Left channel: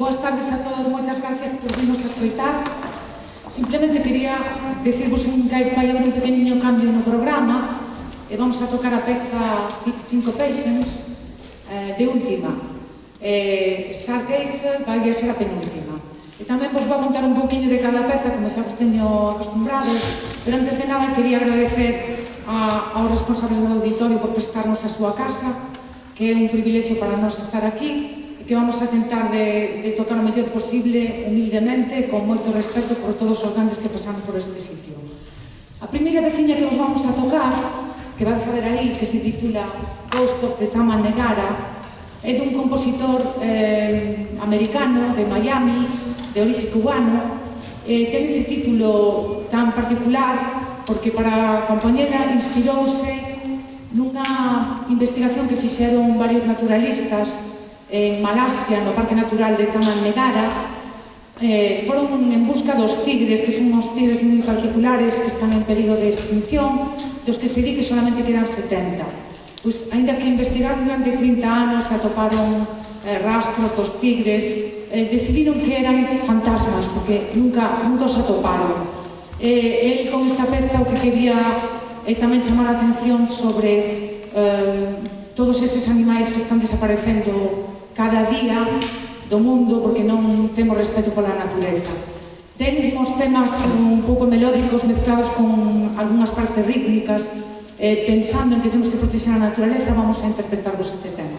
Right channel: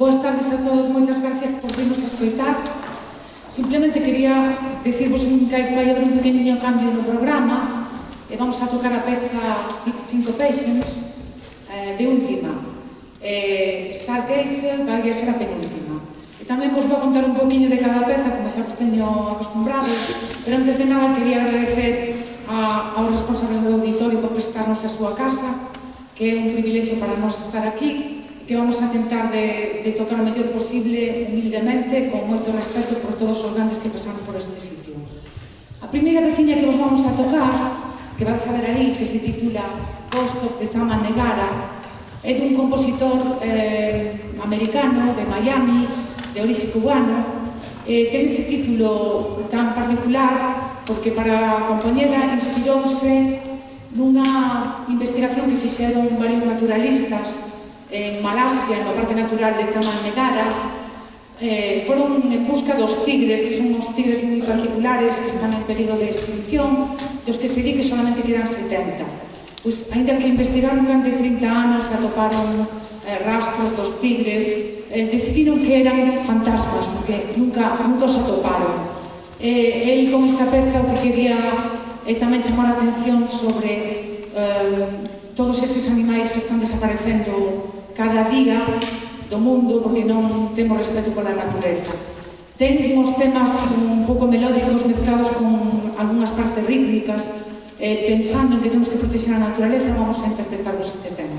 Boas tardes a todos, moitas gracias por virnos a escoitar. Simplemente quería decirvos que vai haber un pequeniño cambio no programa e vamos a tocar a peza Cinco Patients de última. Stargazer vai a ser a penúltima. E tamén vos vou contar un poquinho de cada peza, como xa vos teño acostumbrado, pero antes de nada quería agradecer aos responsables do auditorio por prestarnos a súa casa, que é un privilexio para nós estar aquí, e que vamos a tentar de tocar o mellor posible, humildemente, con moito respeto por todos os grandes que pasaron por este sitio. A primeira veciña que vos vamos a tocar, que vais a ver aí, que se titula Ghost of the Taman Negara, é dun compositor americano de Miami, de orixe cubano. Ten ese título tan particular porque para a compañera inspirouse nunha investigación que fixeron varios naturalistas en Malasia, no Parque Natural de Taman Negara. Foron en busca dos tigres, que son uns tigres moi particulares que están en peligro de extinción, dos que se di que solamente quedan 70. Pois, ainda que investigaron durante 30 anos, atoparon rastros dos tigres, decidiron que eran fantasmas, porque nunca os atoparon. El con esta peza o que quería tamén chamar a atención sobre todos eses animais que están desaparecendo cada día do mundo porque non temos respeto pola natureza. Ten uns temas un pouco melódicos mezclados con algunhas partes rítmicas. Pensando en que temos que proteger a naturaleza, vamos a interpretarvos este tema.